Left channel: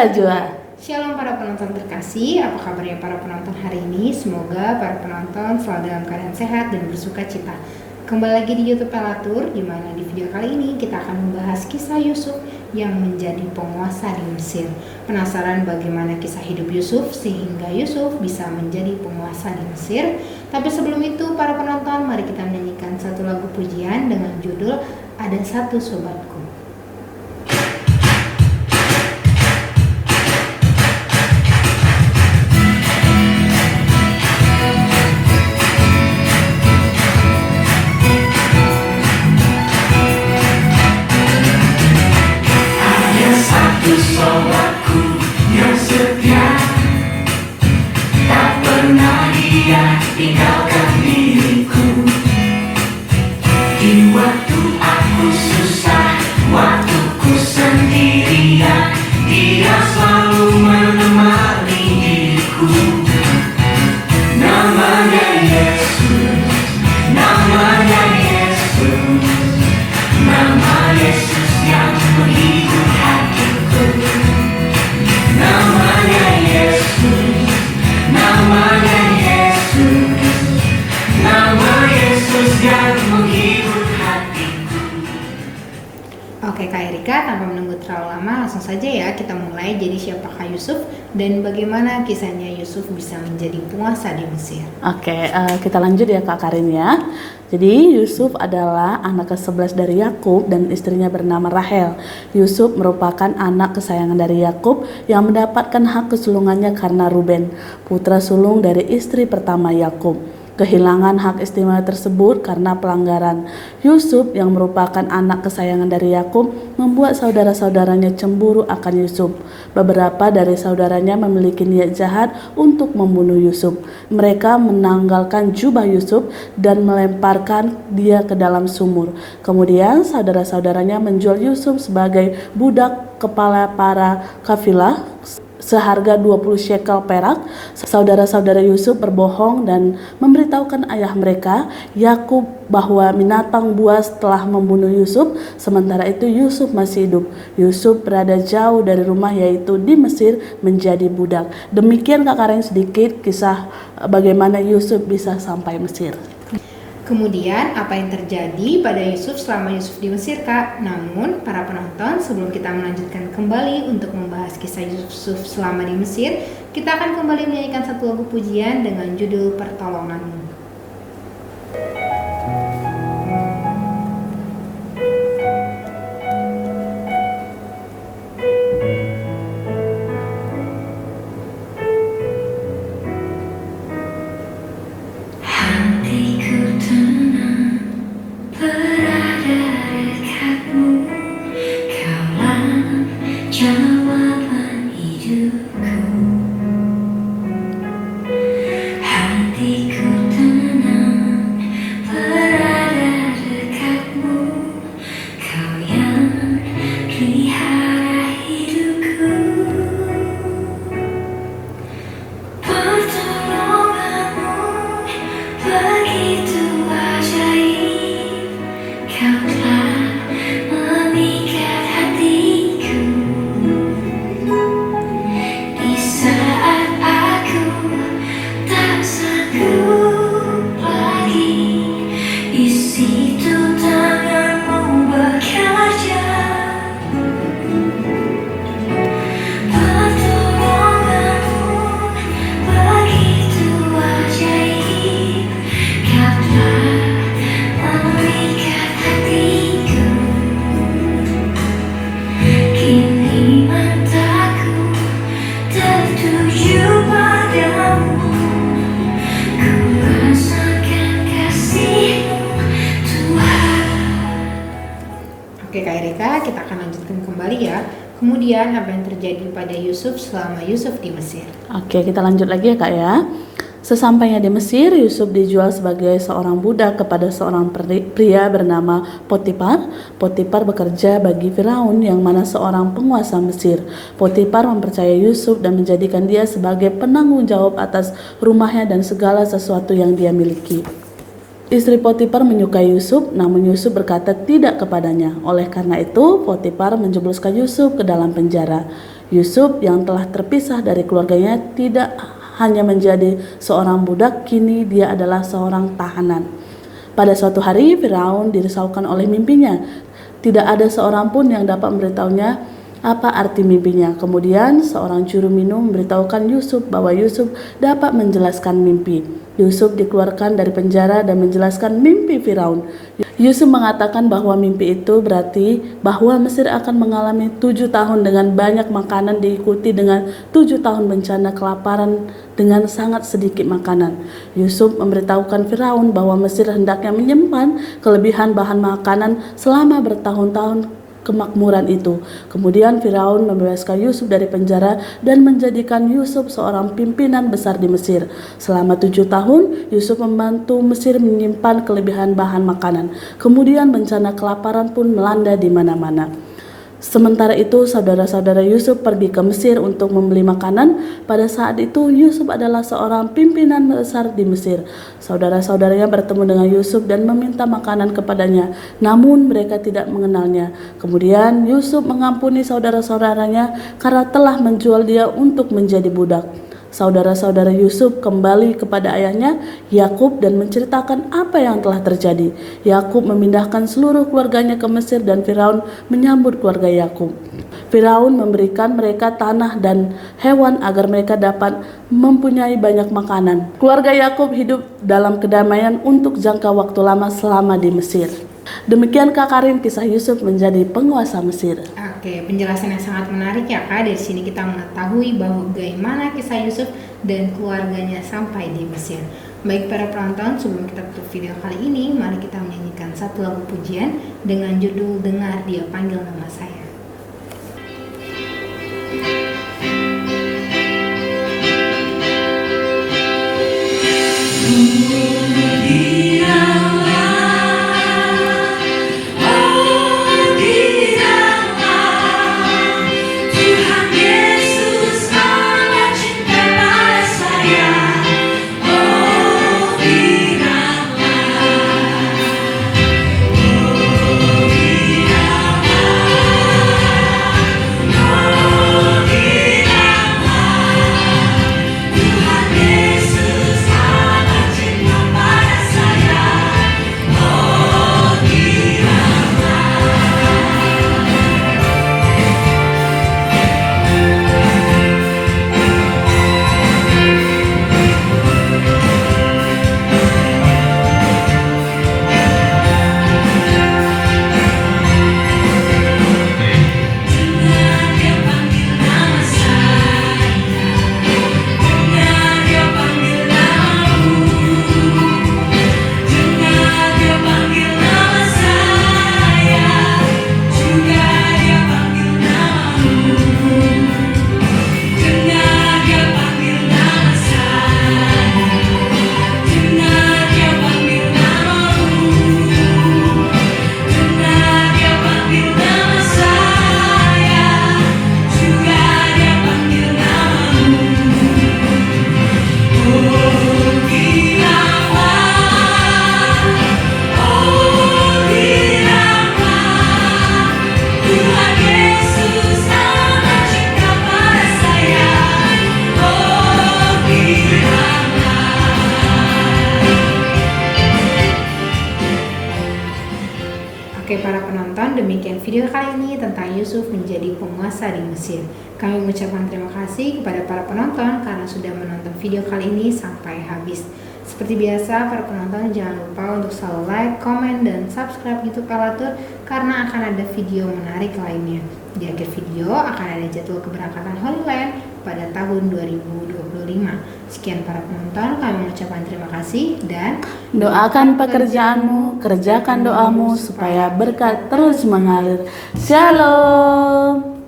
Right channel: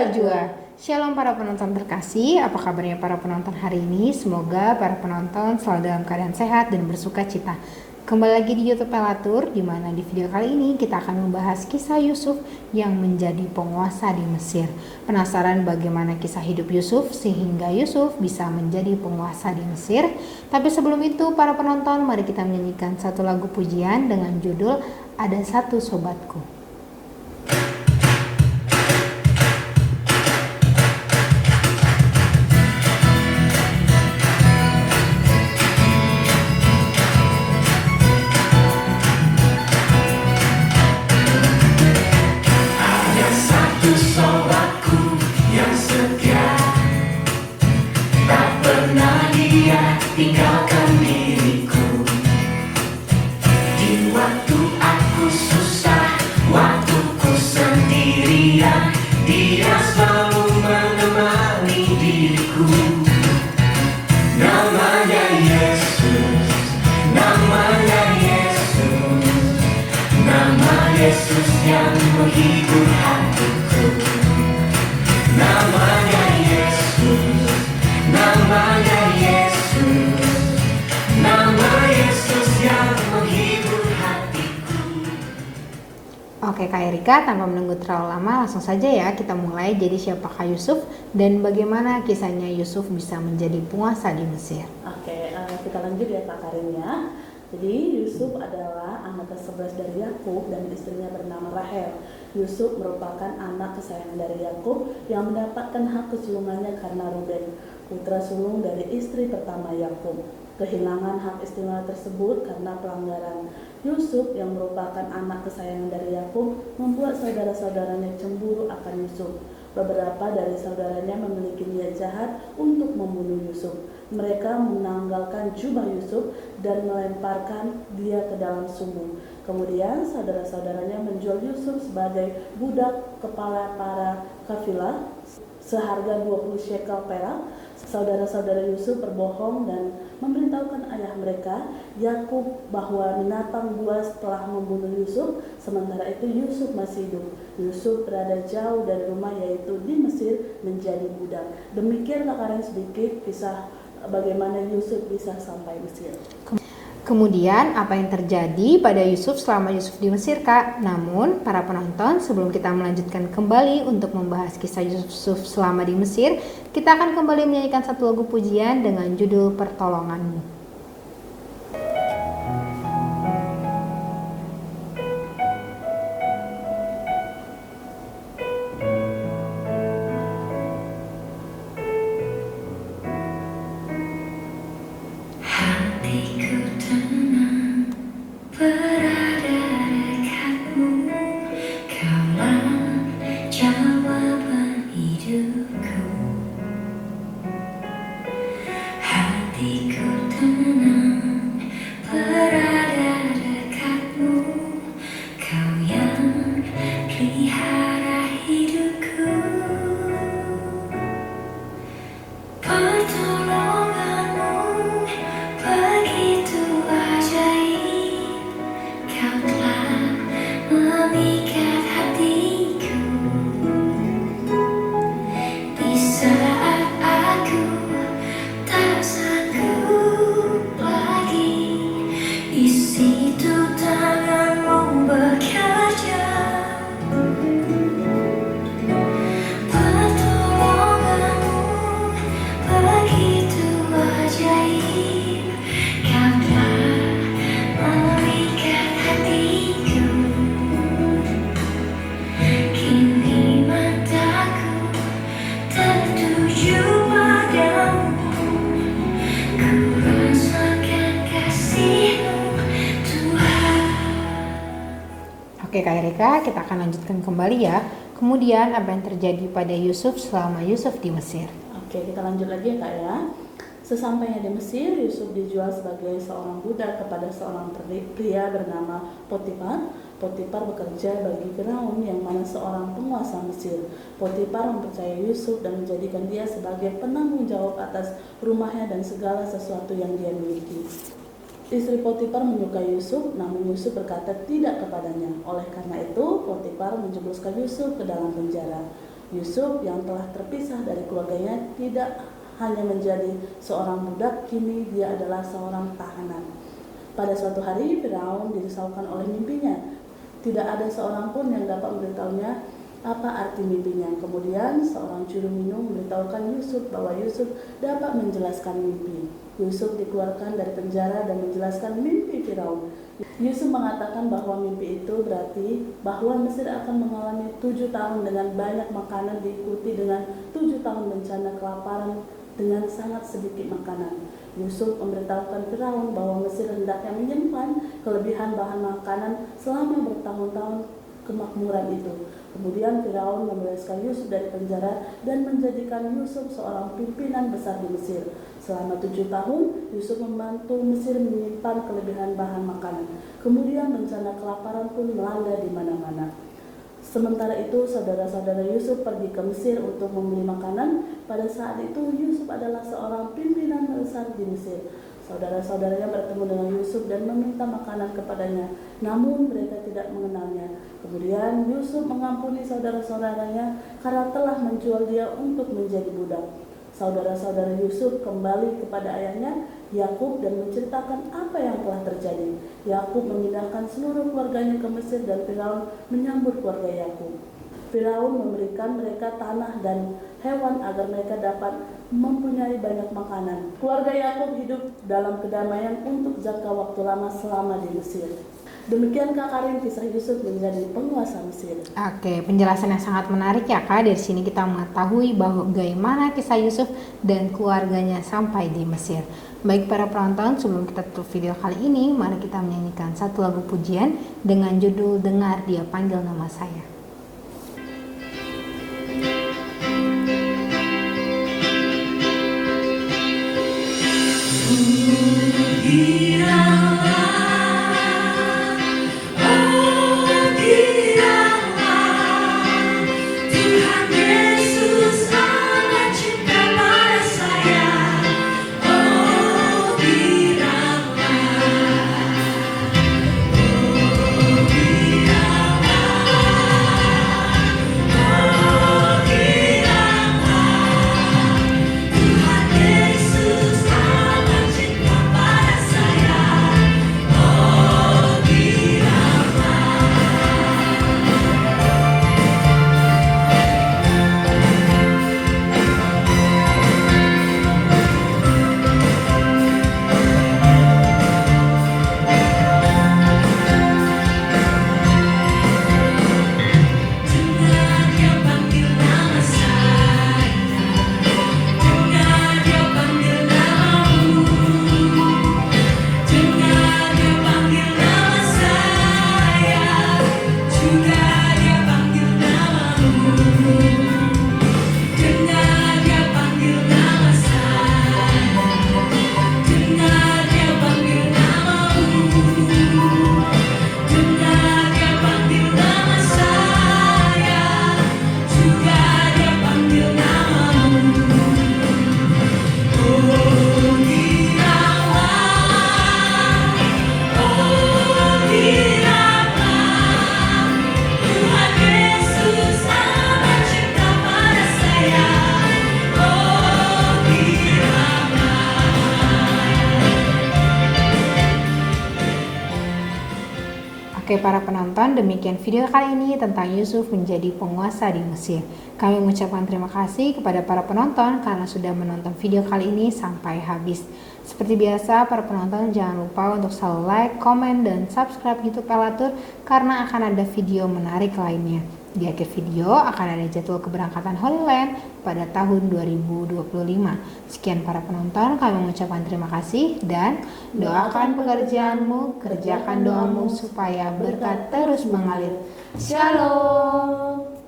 Najwa. Shalom para penonton terkasih, apa kabarnya para penonton hari ini? Semoga para penonton selalu dalam keadaan sehat dan bersuka cita. Kembali lagi di YouTube Pelatur, di mana di video kali ini kita akan membahas kisah Yusuf yang menjadi penguasa di Mesir. Penasaran bagaimana kisah hidup Yusuf sehingga Yusuf bisa menjadi penguasa di Mesir? Tapi sebelum itu, para penonton, mari kita menyanyikan satu lagu pujian dengan judul Ada Satu Sobatku. Tinggalkan diriku di waktu aku susah, waktuku sendirian. Dia selalu menemani diriku. Namanya Yesus, namanya Yesus, nama Yesus yang menghibur hatiku. Namanya Yesus, namanya Oke Kak Erika, tanpa menunggu terlalu lama, langsung saja ya kita mulai. Jadi siapakah Yusuf dan bagaimana kisahnya Yusuf bisa menjadi penguasa di Mesir? Oke, kita lanjut ya Kak Karin ya. Jadi Yusuf adalah anak ke-11 dari Yakub dan istrinya bernama Rahel. Yusuf merupakan anak kesayangan dari Yakub yang mendapatkan hak kesulungannya karena Ruben, putra sulung dari istri pertama Yakub. Kehilangan hak istimewa tersebut karena pelanggaran. Yusuf yang merupakan anak kesayangan dari Yakub membuat saudara-saudaranya cemburu akan Yusuf. Beberapa dari saudaranya memiliki niat jahat untuk membunuh Yusuf. Mereka menanggalkan jubah Yusuf dan melemparkan dia ke dalam sumur. Kemudian saudara-saudaranya menjual Yusuf sebagai budak kepala para kafilah seharga 20 shekel perak. Saudara-saudara Yusuf berbohong dan memberitahukan ayah mereka, Yakub, bahwa binatang buas telah membunuh Yusuf, sementara itu Yusuf masih hidup. Yusuf berada jauh dari rumah, yaitu di Mesir, menjadi budak. Demikian Kak Karen sedikit kisah bagaimana Yusuf bisa sampai Mesir. Kemudian apa yang terjadi pada Yusuf selama Yusuf di Mesir, Kak? Namun para penonton, sebelum kita melanjutkan kembali untuk membahas kisah Yusuf selama di Mesir, kita akan kembali menyanyikan satu lagu pujian dengan judul Pertolonganmu. Kita akan lanjutkan kembali ya. Kemudian apa yang terjadi pada Yusuf selama Yusuf di Mesir? Oke, kita lanjut lagi ya Kak ya. Sesampainya di Mesir, Yusuf dijual sebagai seorang budak kepada seorang pria bernama Potifar. Potifar bekerja bagi Firaun yang mana seorang penguasa Mesir. Potifar mempercayai Yusuf dan menjadikan dia sebagai penanggung jawab atas rumahnya dan segala sesuatu yang dia miliki. Istri Potifar menyukai Yusuf, namun Yusuf berkata tidak kepadanya. Oleh karena itu, Potifar menjebloskan Yusuf ke dalam penjara. Yusuf yang telah terpisah dari keluarganya tidak hanya menjadi seorang budak, kini dia adalah seorang tahanan. Pada suatu hari Firaun dirisaukan oleh mimpinya. Tidak ada seorang pun yang dapat memberitahunya apa arti mimpinya. Kemudian seorang juru minum memberitahukan Yusuf bahwa Yusuf dapat menjelaskan mimpi. Yusuf dikeluarkan dari penjara dan menjelaskan mimpi Firaun. Yusuf mengatakan bahwa mimpi itu berarti bahwa Mesir akan mengalami 7 tahun dengan banyak makanan diikuti dengan 7 tahun bencana kelaparan dengan sangat sedikit makanan. Yusuf memberitahukan Firaun bahwa Mesir hendaknya menyimpan kelebihan bahan makanan selama bertahun-tahun kemakmuran itu. Kemudian Firaun membebaskan Yusuf dari penjara dan menjadikan Yusuf seorang pimpinan besar di Mesir. Selama 7 tahun, Yusuf membantu Mesir menyimpan kelebihan bahan makanan. Kemudian bencana kelaparan pun melanda di mana-mana. Sementara itu, saudara-saudara Yusuf pergi ke Mesir untuk membeli makanan. Pada saat itu, Yusuf adalah seorang pimpinan besar di Mesir. Saudara-saudaranya bertemu dengan Yusuf dan meminta makanan kepadanya, namun mereka tidak mengenalnya. Kemudian Yusuf mengampuni saudara-saudaranya karena telah menjual dia untuk menjadi budak. Saudara-saudara Yusuf kembali kepada ayahnya Yakub dan menceritakan apa yang telah terjadi. Yakub memindahkan seluruh keluarganya ke Mesir dan Firaun menyambut keluarga Yakub. Firaun memberikan mereka tanah dan hewan agar mereka dapat mempunyai banyak makanan. Keluarga Yakub hidup dalam kedamaian untuk jangka waktu lama selama di Mesir. Demikian Kak Karin kisah Yusuf menjadi penguasa Mesir. Oke, penjelasan yang sangat menarik ya Kak. Dari sini kita mengetahui bahwa bagaimana kisah Yusuf dan keluarganya sampai di Mesir. Baik para penonton, sebelum kita tutup video kali ini, mari kita menyanyikan satu lagu pujian dengan judul Dengar Dia Panggil Nama Saya. Para penonton, demikian video kali ini tentang Yusuf menjadi penguasa di Mesir. Kami mengucapkan terima kasih kepada para penonton karena sudah menonton video kali ini sampai habis. Seperti biasa, para penonton jangan lupa untuk selalu like, komen, dan subscribe YouTube Pelatur karena akan ada video menarik lainnya. Di akhir video akan ada jadwal keberangkatan Holy Land pada tahun 2025. Sekian para penonton, kami mengucapkan terima kasih dan doakan pekerjaanmu, kerjakan doamu supaya berkat terus mengalir. Shalom.